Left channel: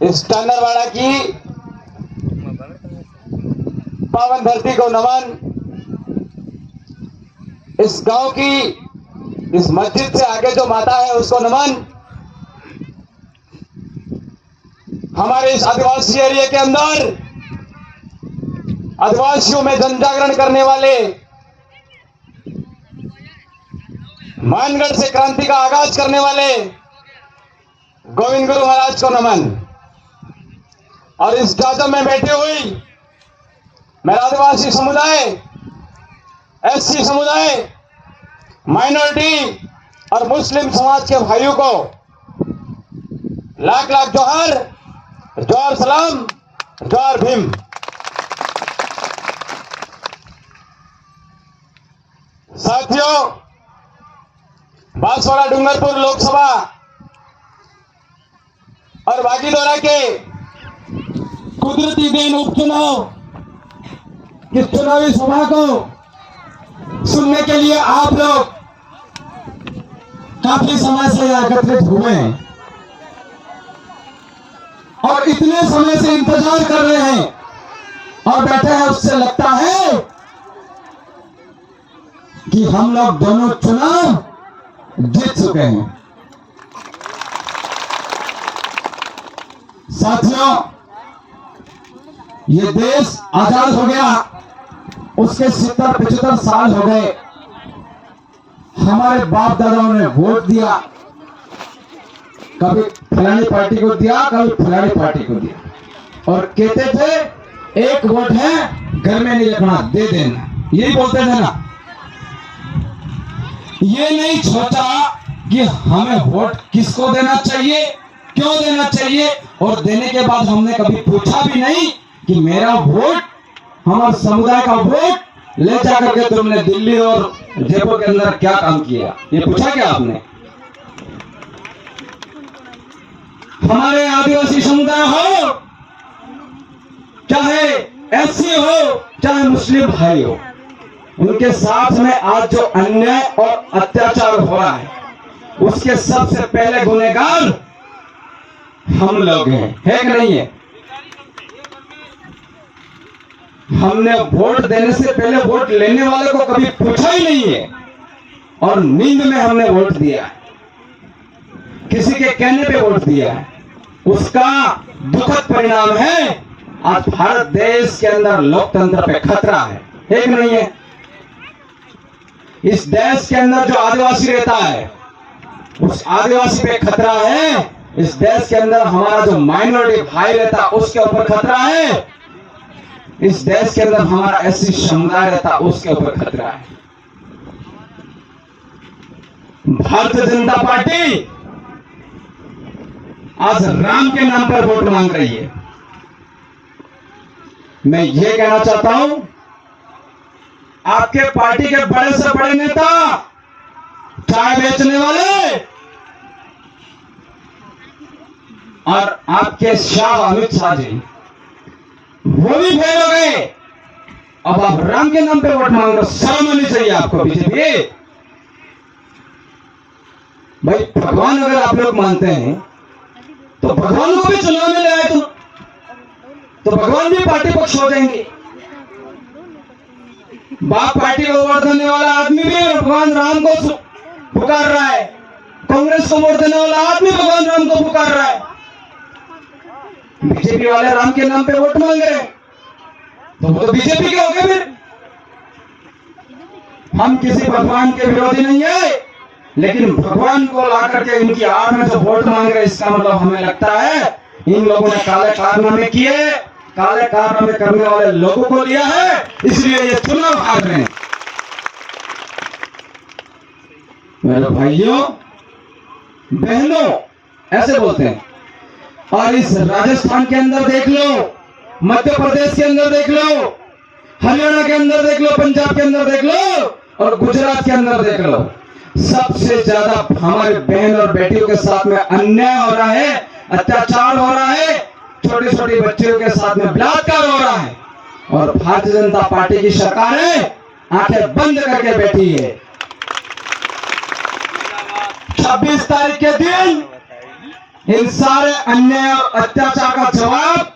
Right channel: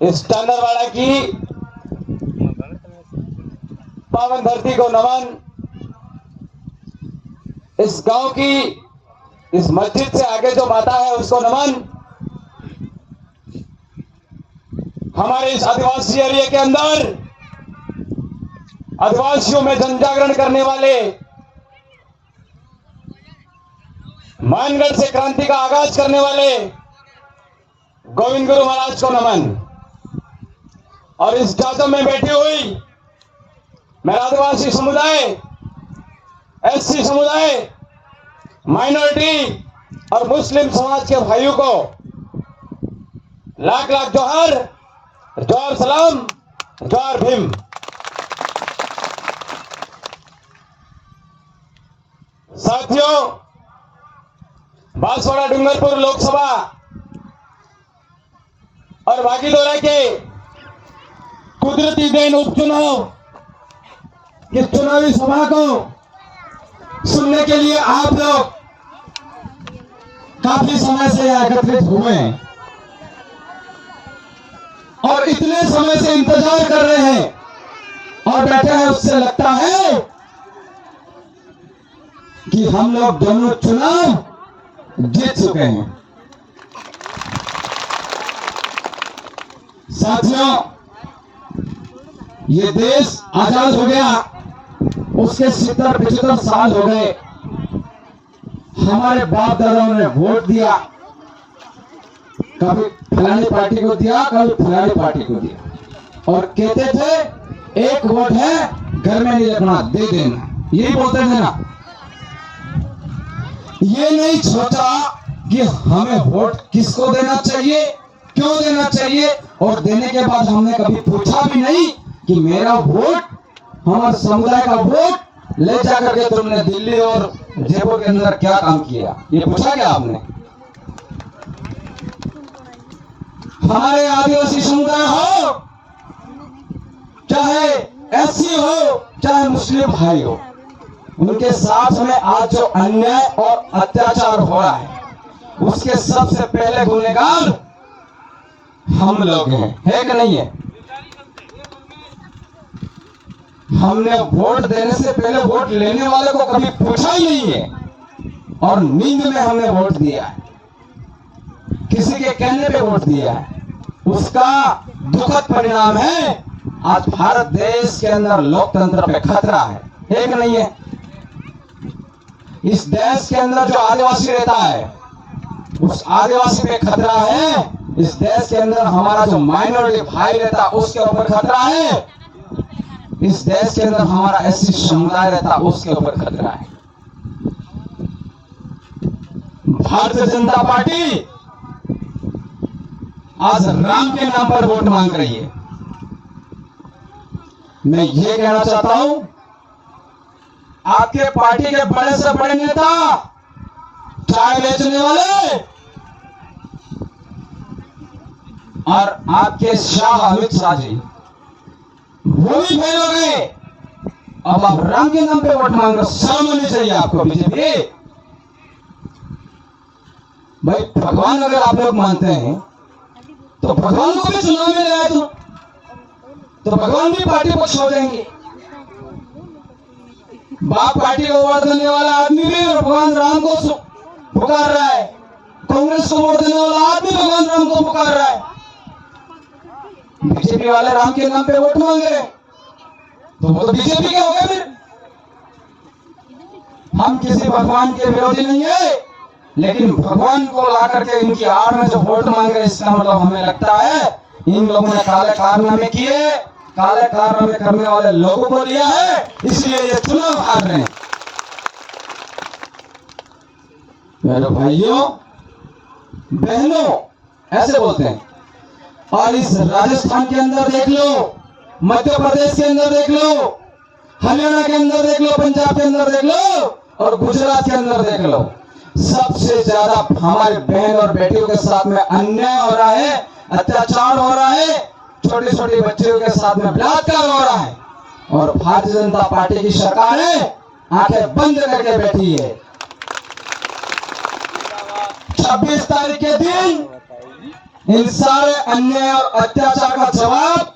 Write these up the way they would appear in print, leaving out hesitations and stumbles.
इस टांडरवाड़ा की पावन धरती को नमन। इस गांव की इस मस्जिद से आगे जो माता है उसको नमन। हमारे इस आदिवासी एरिया के अंदर आदिवासियों में जनजागरण करने वाले, मानगढ़ से क्रांति का आगाज करने वाले गोविंद गुरु महाराज को नमन। और इस जाजम में बैठी हुई मेरा आदिवासी समुदाय, एससी समुदाय, माइनॉरिटी और मुस्लिम समाज के भाइयों को लाख लाख जोहार, जोहार सलाम, जोहार भीम। साथियों, बांसवाड़ा डूंगरपुर लोकसभा और बागीदोरा के कुदरती देन उपचुनाव की चुनावी सभा को सुनने के लिए आप लोग काफी समय से एकत्रित हुए हैं और इतने समय से इंतजार कर रहे हैं और बैठे हैं। उससे लगता है कि हम लोग दोनों चुनाव जीत चुके हैं। साथियों, ये देश आजाद हो गया, उसके 70-75 साल हो गए। हमारे बाप दादाओं ने वोट दिया, कभी फलानी पार्टी को दिया, कभी फलानी पार्टी को दिया, और कहते थे एक वोट है, घर में नहीं रखना, दे देना, यही बोलते थे ना। ये नहीं सोचा कि हमें वोट किसको देना चाहिए, क्यों देना चाहिए, और देने के बाद हमने कभी पूछा भी नहीं कि मेरा वोट, हमारे समुदाय का वोट ले जाकर के तुमने दिल्ली और जयपुर के अंदर क्या काम किया, ये पूछा क्या आपने? हमारे आदिवासी समुदाय हो, चाहे एससी हो, चाहे मुस्लिम भाई हो, उनके साथ में आज जो अन्याय और अत्याचार हो रहा है, उसके सबसे पहले गुनहगार हम लोग हैं, है कि नहीं है? हमने वोट देने से पहले वोट लेने वाले को कभी पूछा ही नहीं है और नींद में हमने वोट दिया है, किसी के कहने पे वोट दिया है। उसका दुखद परिणाम है आज भारत देश के अंदर लोकतंत्र पे खतरा है कि नहीं है? इस देश के अंदर जो आदिवासी रहता है, उस आदिवासी पे खतरा है। इस देश के अंदर हमारा जो माइनॉरिटी भाई रहता है, उसके ऊपर खतरा है। इस देश के अंदर हमारा एससी समुदाय रहता है, उसके ऊपर खतरा है। भारतीय जनता पार्टी आज राम के नाम पर वोट मांग रही है। मैं ये कहना चाहता हूं, आपके पार्टी के बड़े से बड़े नेता, चाय बेचने वाले और आपके शाह अमित शाह जी, वो भी फेल हो गए। अब आप राम के नाम पे वोट मांग रहे हो, शर्म होनी चाहिए आपको। बीजेपी भाई, भगवान अगर आप लोग मानते हैं तो भगवान को भी चुनाव में लगाए तो भगवान भी पार्टी पक्ष हो जाएंगे। बाप पार्टी को वोट देने वाला आदमी भी भगवान राम को पुकार रहा है, कांग्रेस को वोट देने वाला आदमी भगवान राम को पुकार रहा है। बीजेपी वाले राम के नाम पे वोट मांग रहे हैं तो वो तो बीजेपी के हो गए। फिर हम किसी भगवान के विरोधी नहीं है, लेकिन भगवान को ला करके इनकी आड़ में जो वोट मांग रहे, इसका मतलब हमें लगता है इन लोगों ने काले कारनामे किए, काले कारनामे करने वाले लोगों को लिया है, इसलिए ये चुनाव हार रहे हैं। मेरे भाइयों बहनों, ऐसे बोलते हैं। और इस राजस्थान के अंदर देख लो, मध्य प्रदेश के अंदर देख लो, हरियाणा के अंदर देख लो, पंजाब के अंदर देख लो और गुजरात के अंदर देख लो, सबसे ज्यादा हमारे बहन और बेटियों के साथ में अन्याय हो रहा है, अत्याचार हो रहा है, छोटे छोटे बच्चों के साथ में बलात्कार हो रहा है। और भारतीय जनता पार्टी की सरकार है, आंखें बंद करके बैठी है। 26 तारीख के दिन इन सारे अन्याय और अत्याचार का जवाब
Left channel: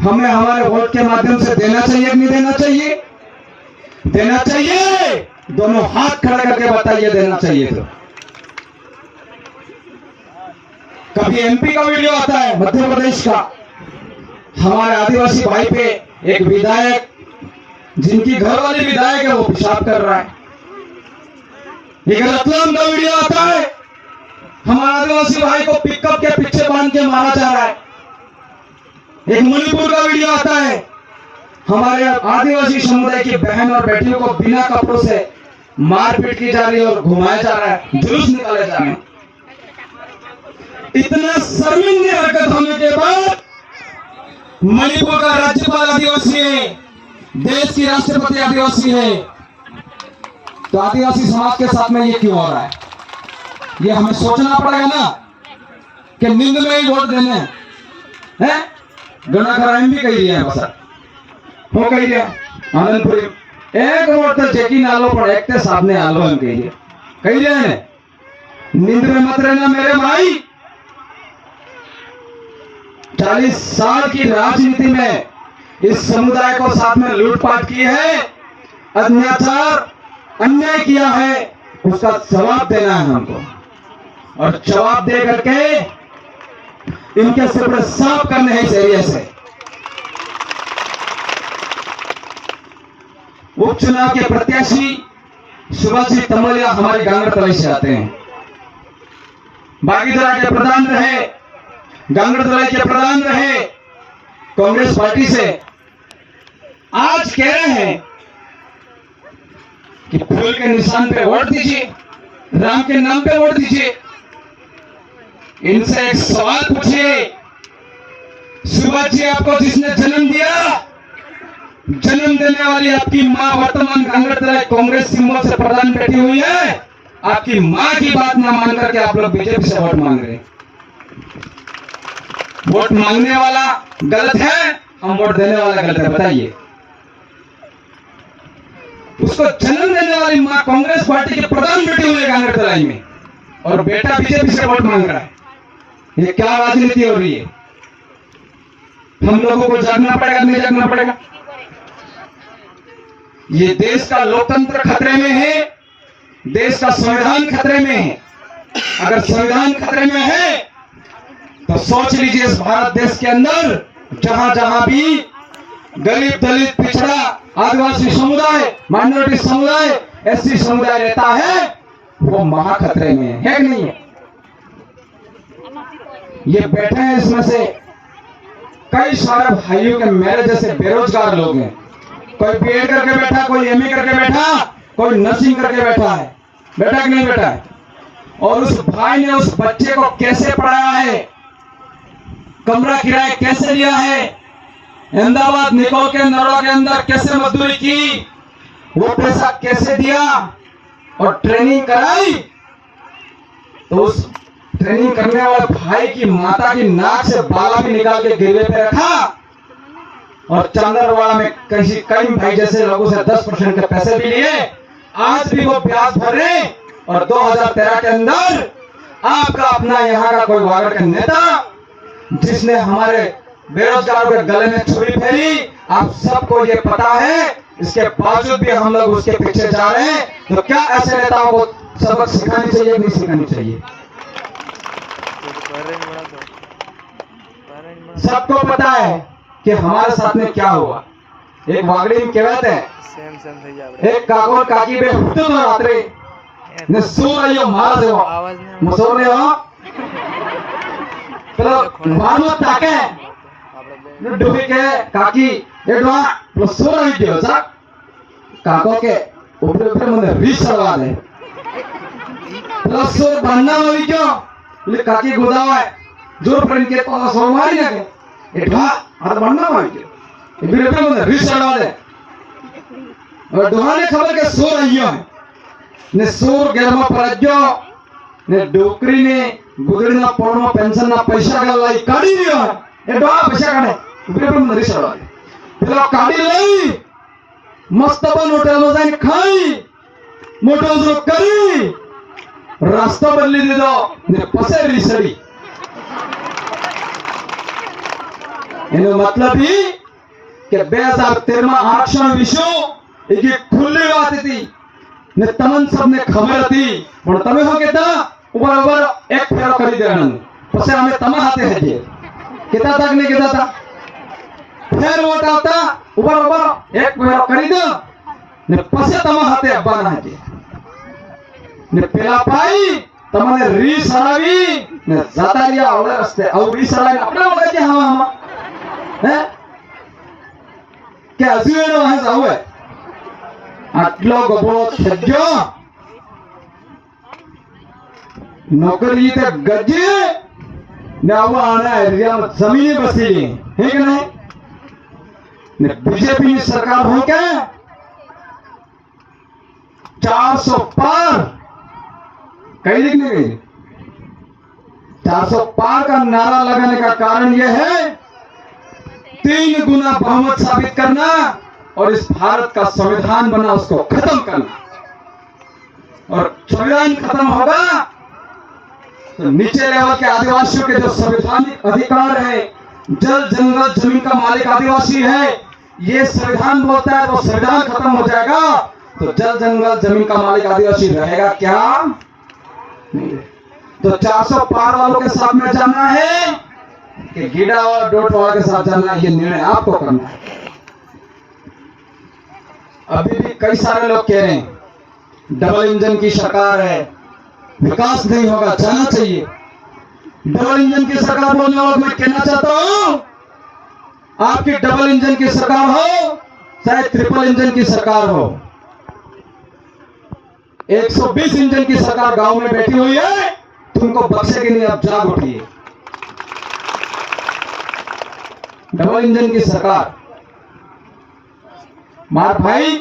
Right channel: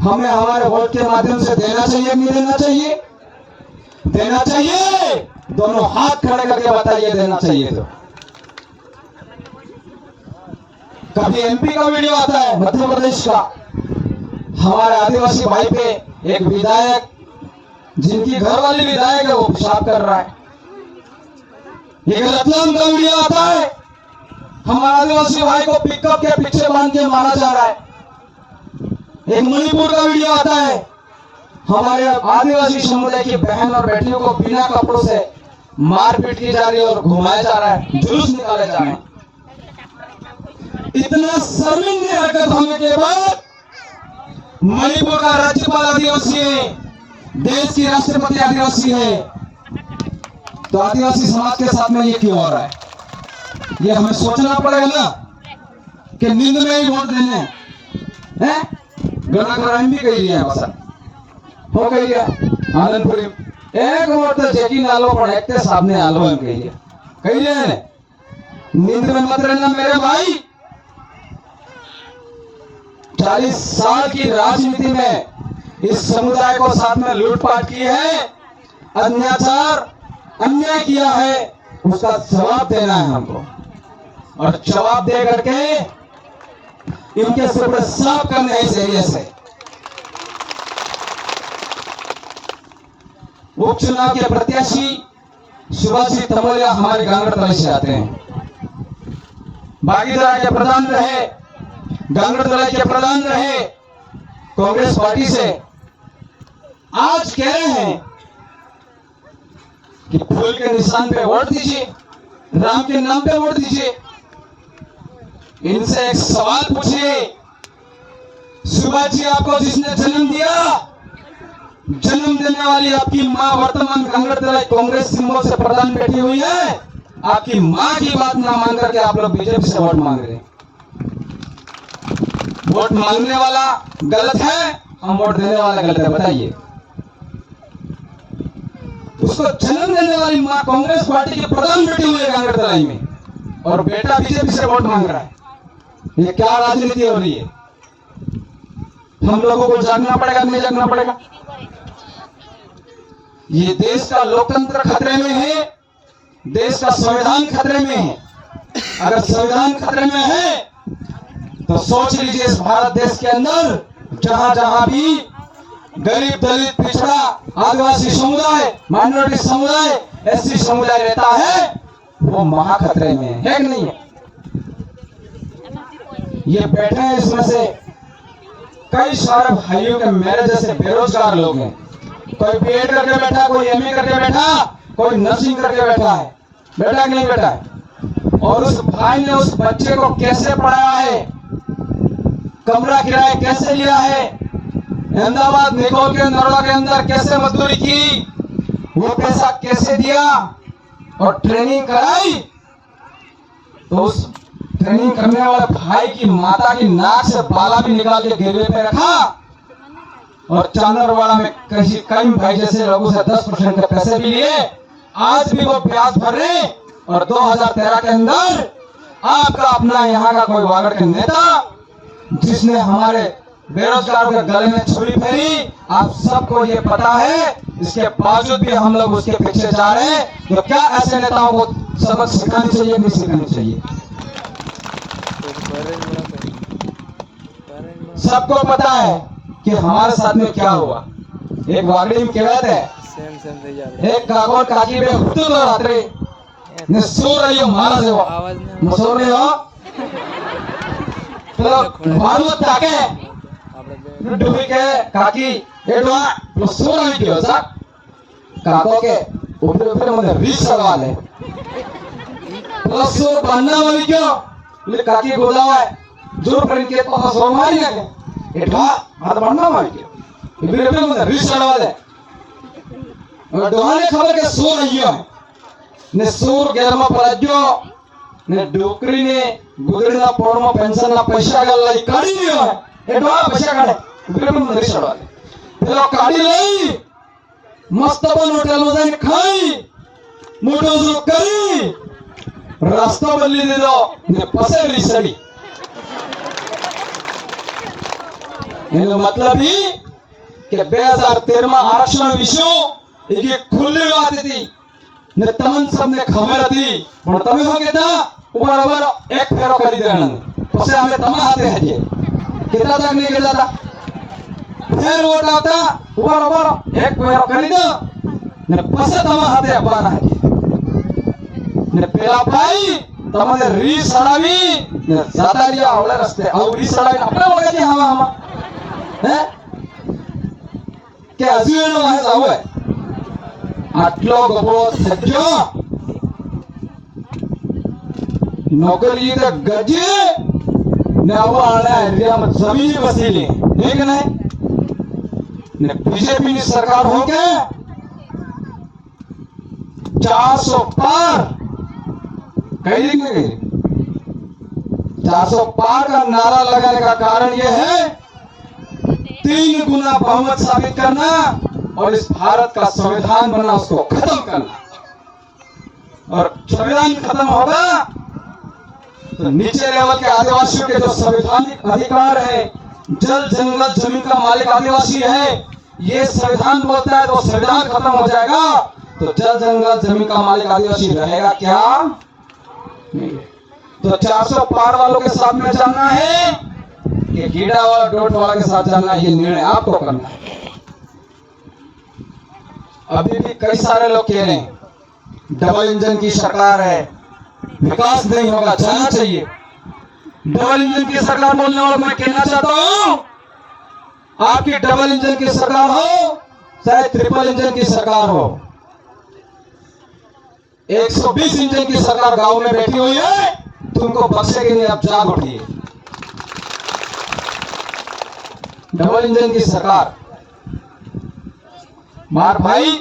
हमें हमारे वोट के माध्यम से देना चाहिए कि नहीं देना चाहिए? देना चाहिए। दोनों हाथ खड़े करके बताइए, देना चाहिए तो। कभी एमपी का वीडियो आता है मध्य प्रदेश का, हमारे आदिवासी भाई पे एक विधायक, जिनकी घर वाली विधायक है, वो पेशाब कर रहा है। एक रतलाम का वीडियो आता है, हमारे आदिवासी भाई को पिकअप के पीछे बांध के मारा जा रहा है। एक मणिपुर का वीडियो आता है, हमारे आदिवासी समुदाय की बहन और बेटियों को बिना कपड़ों से मारपीट की जा रही है और घुमाया जा रहा है, जुलूस निकाले जा रहे हैं। इतना शर्मिंदी हरकत होने के बाद मणिपुर का राज्यपाल आदिवासी है, देश की राष्ट्रपति आदिवासी है, तो आदिवासी समाज के साथ में ये क्यों हो रहा है? ये हमें सोचना पड़ेगा ना कि नींद में ही वोट देने हैं। गणा कराइन भी कही रही है बस हो कही रहा आनंदपुरी एक वोट तो जेकी नालो पर एक ते सामने आलो हम कही रहे हैं। नींद में मत रहना मेरे भाई। 40 साल की राजनीति में इस समुदाय को साथ में लूटपाट की है, अत्याचार अन्याय किया है, उसका जवाब देना है हमको, और जवाब दे करके इनके सिपड़े साफ करने हैं इस एरिया से। उपचुनाव के प्रत्याशी सुभाष जी तमलिया हमारी गांगड़तलाई से आते हैं, बागीदरा के प्रधान रहे, गांगड़तलाई के प्रधान रहे कांग्रेस पार्टी से। आज कह रहे हैं कि फूल के निशान पे वोट दीजिए, राम के नाम पे वोट दीजिए। इनसे एक सवाल पूछिए, सुभाष जी आपको जिसने जन्म दिया, जन्म देने वाली आपकी मां वर्तमान गांगड़तलाई कांग्रेस सिंबल से प्रधान बैठी हुई है, आपकी मां की बात न मान करके आप लोग बीजेपी से वोट मांग रहे हैं। वोट मांगने वाला गलत है, हम वोट देने वाला गलत है, बताइए। उसको जन्म देने वाली मां कांग्रेस पार्टी के प्रधान बैठी हुई है गांगड़तलाई में, और बेटा बीजेपी से वोट मांग रहा है। ये क्या राजनीति हो रही है? हम लोगों को जागना पड़ेगा, नहीं जागना पड़ेगा? ये देश का लोकतंत्र खतरे में है, देश का संविधान खतरे में है। अगर संविधान खतरे में है तो सोच लीजिए, इस भारत देश के अंदर जहां जहां भी गरीब, दलित, पिछड़ा, आदिवासी समुदाय, माइनॉरिटी समुदाय, एससी समुदाय रहता है, वो महा खतरे में है कि नहीं है? ये बैठे हैं, इसमें से कई सारे भाइयों के मेरे जैसे बेरोजगार लोग हैं। कोई बीएड करके बैठा, कोई एमए करके बैठा, कोई नर्सिंग करके बैठा है, बैठा कि नहीं बैठा है? और उस भाई ने उस बच्चे को कैसे पढ़ाया है, कमरा किराया कैसे लिया है, अहमदाबाद, निकोल के नरोला के अंदर कैसे मजदूरी की, वो पैसा कैसे दिया और ट्रेनिंग कराई। तो उस ट्रेनिंग करने वाले भाई की माता की नाक से बाला भी निकाल के गिरवे पे रखा, और चांदरवाड़ा में कई भाई जैसे लोगों से 10% के पैसे भी लिए। आज भी वो ब्याज भर रहे, और 2013 के अंदर आपका अपना यहाँ का कोई वागड़ का नेता जिसने हमारे बेरोजगारों के गले में छुरी फेरी, आप सबको ये पता है, इसके बावजूद भी हम लोग उसके पीछे जा रहे हैं। तो क्या ऐसे नेताओं को सबक सिखानी चाहिए, नहीं सिखानी चाहिए? सबको पता है कि हमारे साथ में क्या हुआ। एक वागड़ी में कहते हैं, एक काकोल काकी बे हुतु तो रात्रे ने सो रही हो मारा से हो मसोर ने हो तो मारमत ताके डुबी के काकी ये डुआ तो सो रही थी सा काको के ऊपर ऊपर मुझे रिश सवाल है प्लस सो बनना वाली क्यों ले काकी गुदावा है जोर प्रण के तो सो मारी ना ये डुआ हर बनना वाली क्यों ऊपर ऊपर मुझे रिश सवाल है और डुआ ने खबर के सो रही है ने सूर गेलमा प्रज्ञो ने डोकरी ने गुदड़ना पड़ना पेंशन ना पैसा गलाई काढ़ी लियो ए डोआ पैसा काढ़े ऊपर ऊपर मुझे रिश सवाल पेला काढ़ी लाई मस्त बन होटल में जाइन खाई मोटो जो करी रास्ता बदली दे दो ने पसे रिसड़ी એનો મતલબ એ કે 2013 આરક્ષણ વિશે એક ખુલ્લી વાત હતી ને તમને સબને ખબર હતી, પણ તમે શું કહેતા ઉપર ઉપર એક ફેરો કરી દેવાનો, પછી અમે તમારા હાથે હજીએ કહેતા હતા કે નહીં કહેતા હતા? ફેર વોટ આવતા ઉપર ઉપર એક ફેરો કરી દો ને પછી તમારા હાથે આપવાના હજી ને પેલા ભાઈ તમને રીસ હલાવી ને જતા રહ્યા આવડે રસ્તે આવું રીસ હલાવી આપણે ઓળખે છે હવામાં હે કે હજુ એનો હે આવે આટલો ગભો થજો નોકરી તે ગજે ને આવા આડા એરિયામાં જમીન બસેલી હે કે નહીં ને બીજેપી ની સરકાર हो के 400 पार कही नहीं गई 400 पार का नारा लगाने का कारण यह है 3 गुना बहुमत साबित करना और इस भारत का संविधान बना उसको खत्म करना, और संविधान खत्म होगा तो नीचे लेवल के आदिवासियों के जो संवैधानिक अधिकार है, जल जंगल जमीन का मालिक आदिवासी है, ये संविधान बोलता है तो संविधान खत्म हो जाएगा तो जल जंगल जमीन का मालिक आदिवासी रहेगा क्या? नहीं। तो 400 पार वालों के साथ में जाना है कि गीडा और डोटवाला के साथ जाना है, ये निर्णय आपको करना है। अभी भी कई सारे लोग कह रहे हैं डबल इंजन की सरकार है, विकास नहीं होगा, जाना चाहिए। डबल इंजन की सरकार बोलने वालों मैं कहना चाहता हूं, आपकी डबल इंजन की सरकार हो चाहे ट्रिपल इंजन की सरकार हो, 120 इंजन की सरकार गांव में बैठी हुई है, तुमको बख्शेगी नहीं, अब जाग उठिए। डबल इंजन की सरकार मार भाई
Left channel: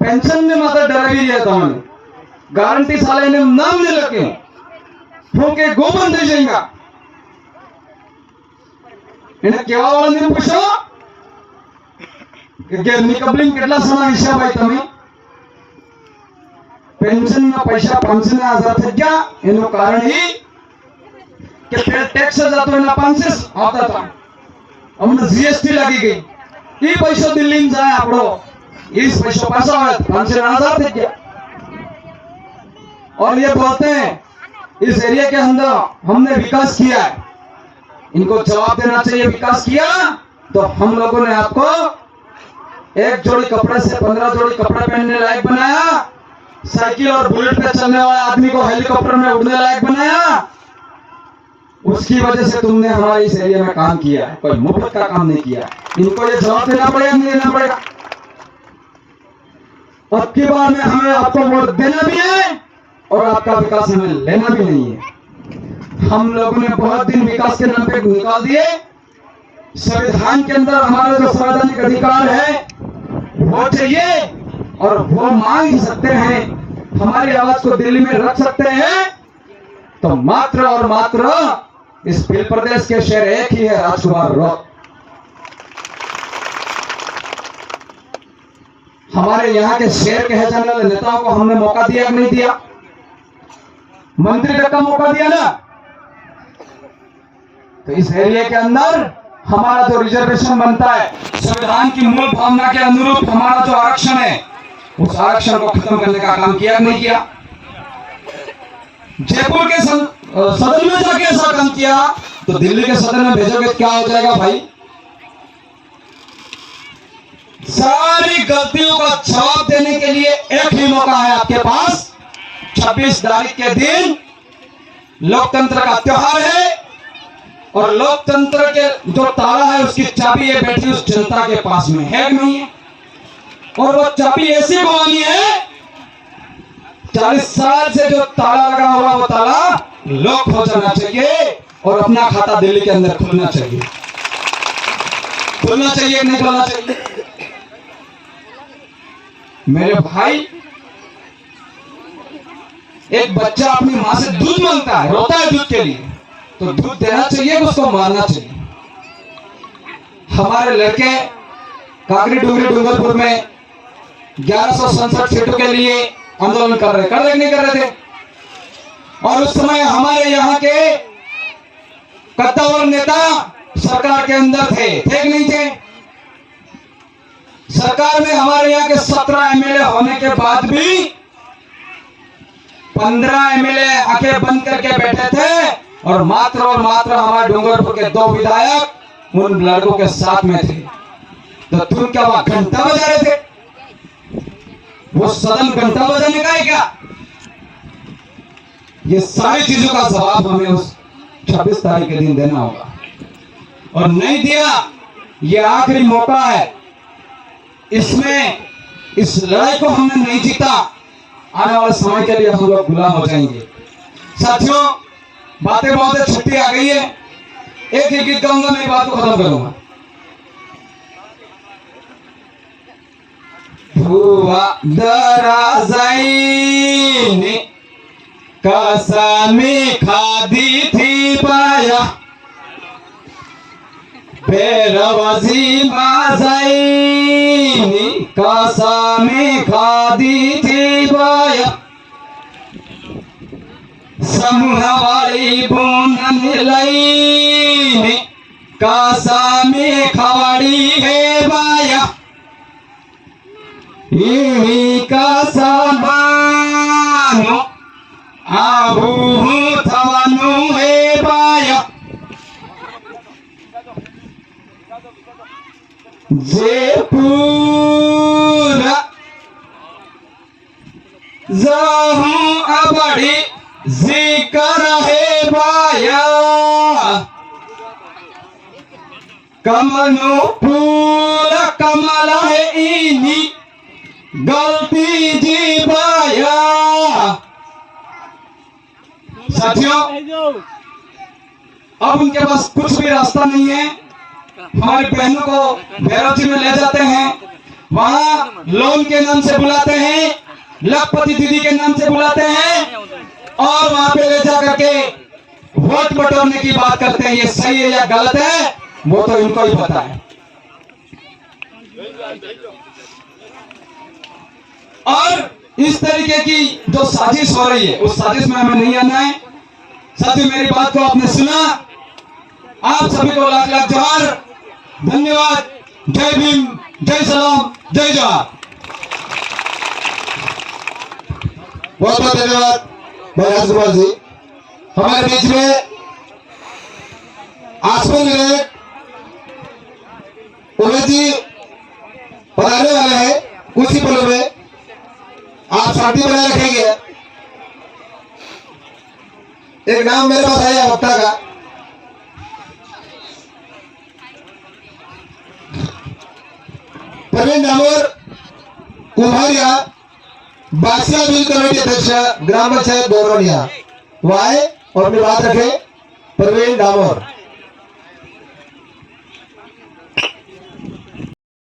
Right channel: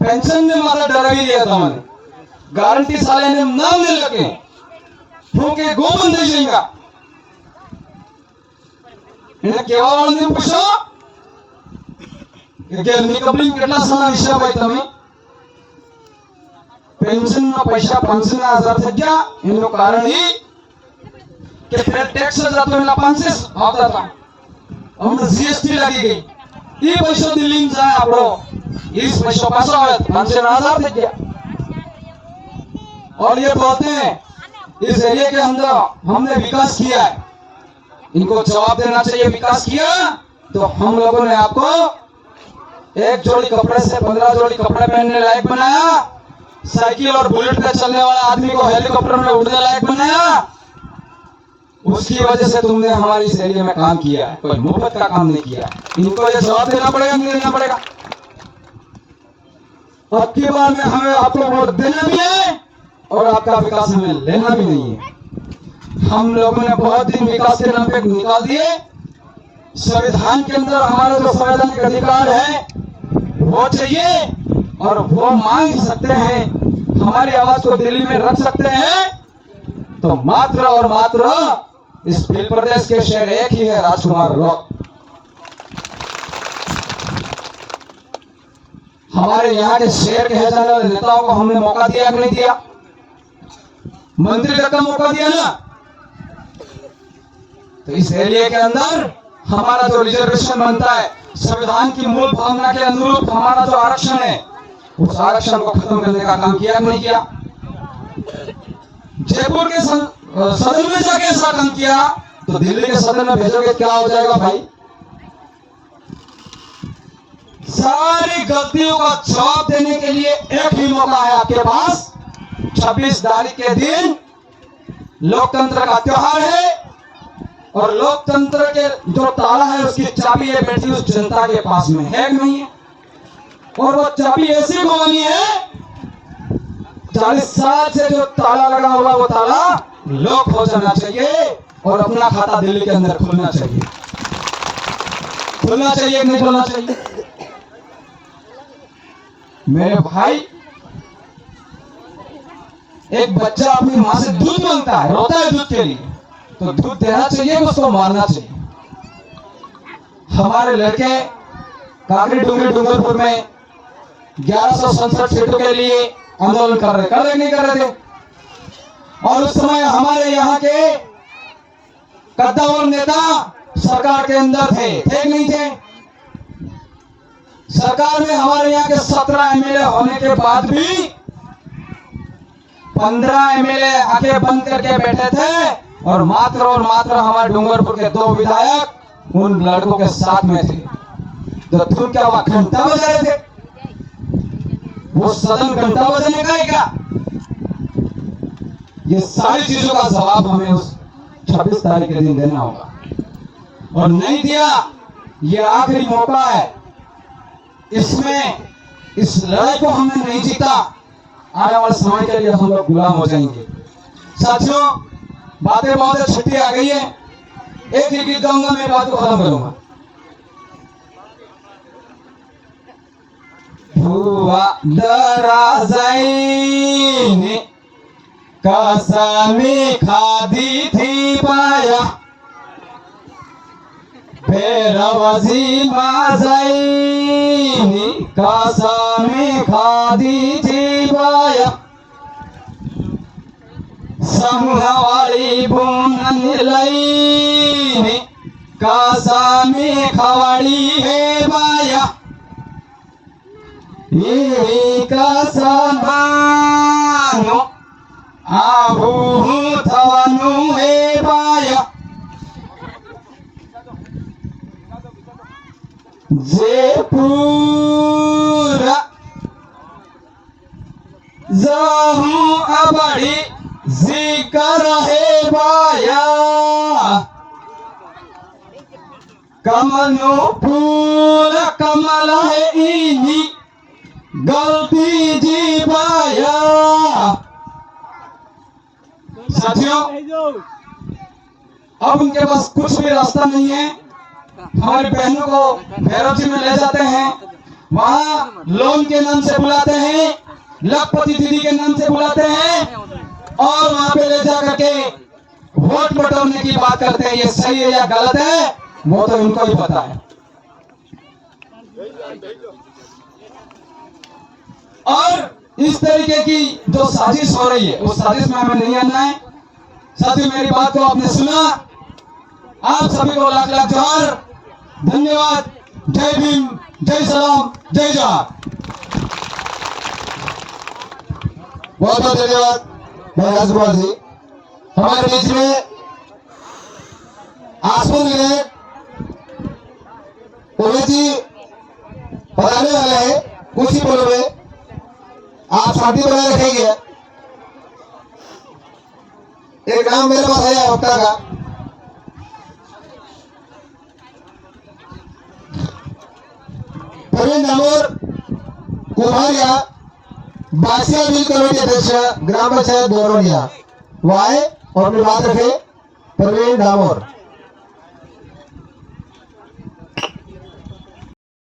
पेंशन में माता डरावी दिया था मैंने, गारंटी साले ने नाम नहीं लगे ठोके गोबंद दे जाएगा इन्हें केवा वाले ने पूछा कि निकबलिंग કેટલા સમય હિસાબ ભાઈ તમે पेंशन में पैसा 5,000 થઈ ગયા, એનું કારણ એ કે પેલ ટેક્સ જતો એના 500 આવતા હતા, અમને જીએસટી લાગી ગઈ, એ પૈસો દિલ્હી માં જાય આપણો, એ પૈસો પાછો આવે 5,000 થઈ ગયા। और ये बोलते हैं इस एरिया के अंदर हमने विकास किया है, इनको जवाब देना चाहिए विकास किया तो हम लोगों ने आपको एक जोड़ी कपड़े से 15 जोड़ी कपड़े पहनने लायक बनाया, साइकिल और बुलेट पे चलने वाले आदमी को हेलीकॉप्टर में उड़ने लायक बनाया, उसकी वजह से तुमने हमारे इस एरिया में काम किया है, कोई मुफ्त का काम नहीं किया। इनको ये जवाब देना पड़ेगा नहीं देना पड़ेगा? अब की बार में हमें आपको वोट देना भी है और आपका विकास हमें लेना भी नहीं है। हम लोगों ने बहुत दिन विकास के नाम पे निकाल दिए, संविधान के अंदर हमारा जो संवैधानिक अधिकार है वो चाहिए और वो मांग सकते हैं, हमारी आवाज को दिल्ली में रख सकते हैं, तो मात्र और मात्र इस भील प्रदेश के शहर एक ही है, राजकुमार रॉक। हमारे यहाँ के शहर के जाने वाले नेताओं को हमने मौका दिया कि नहीं दिया? मंत्री तक का मौका दिया ना। तो इस एरिया के अंदर हमारा जो रिजर्वेशन बनता है, संविधान की मूल भावना के अनुरूप हमारा जो आरक्षण है, उस आरक्षण को खत्म करने का काम किया नहीं किया? जयपुर के सदन में जाके ऐसा काम किया तो दिल्ली के सदन में भेजोगे क्या हो जाएगा भाई? सारी गलतियों का जवाब देने के लिए एक ही मौका है आपके पास, 26 तारीख के दिन लोकतंत्र का त्योहार है और लोकतंत्र के जो ताला है उसकी चाबी है बैठी उस जनता के पास में है नहीं है, और वो चाबी ऐसी घुमानी है 40 साल से जो ताला लगा हुआ वो ताला लॉक हो जाना चाहिए और अपना खाता दिल्ली के अंदर खुलना चाहिए। खुलना चाहिए नहीं खुलना चाहिए? मेरे भाई, एक बच्चा अपनी मां से दूध मांगता है, रोता है दूध के लिए, तो दूध देना चाहिए कि उसको मारना चाहिए? हमारे लड़के काकरी डुंगरी डूंगरपुर में 1167 सीटों के लिए आंदोलन कर रहे नहीं कर रहे थे, और उस समय हमारे यहाँ के कद्दावर नेता सरकार के अंदर थे कि नहीं थे? सरकार में हमारे यहाँ के 17 एमएलए होने के बाद भी 15 एमएलए आंखें बंद करके बैठे थे और मात्र हमारे डूंगरपुर के 2 विधायक उन लड़कों के साथ में थे। तो तुम क्या वहां घंटा बजा रहे थे? वो सदन घंटा बजाने का है क्या? ये सारी चीजों का जवाब हमें उस 26 तारीख के दिन देना होगा, और नहीं दिया, ये आखिरी मौका है। इसमें इस लड़ाई को हमने नहीं जीता, आने वाले समय के लिए हम लोग गुलाम हो जाएंगे। साथियों, बातें बहुत है, छुट्टी आ गई है, एक ही गीत गाऊंगा, मेरी बात को खत्म करूंगा। भुवा दराजाईने कसमी खादी थी बाया, बेरवजी माजाईने कसमी खादी थी बाया, समूहवाड़ी बुनन लाईने कसमी खवाड़ी है बाया, ई कसमानो आबू थवनु है बाया, जे पूरा जाहू अबड़ी जिक्र है बाया, कमल पूरा कमल है इनी गलती जी बाया। साथियों, अब उनके पास कुछ भी रास्ता नहीं है। हमारी बहनों को भैरव जी में ले जाते हैं, वहां लोन के नाम से बुलाते हैं, लखपति दीदी के नाम से बुलाते हैं, और वहां पे ले जा करके वोट बटोरने की बात करते हैं। ये सही है या गलत है, वो तो इनको ही पता है। और इस तरीके की जो साजिश हो रही है, उस साजिश में हमें नहीं आना है। साथियों, मेरी बात को आपने सुना, आप सभी को लाख लाख जोहार, धन्यवाद। जय भीम, जय सलाम, जय जोहार। बहुत बहुत धन्यवाद भाई राजकुमार जी। हमारे बीच में आसमान विधायक उमेश जी पधारने वाले हैं। कुछ ही पलों में आप शांति बनाए रखेंगे। एक नाम मेरे पास आया वक्ता का, प्रवीण डामोर कुम्हारिया, बादशाह बिल कमेटी अध्यक्ष, ग्राम पंचायत बोरवनिया, वो आए और अपनी बात रखे। प्रवीण डामोर।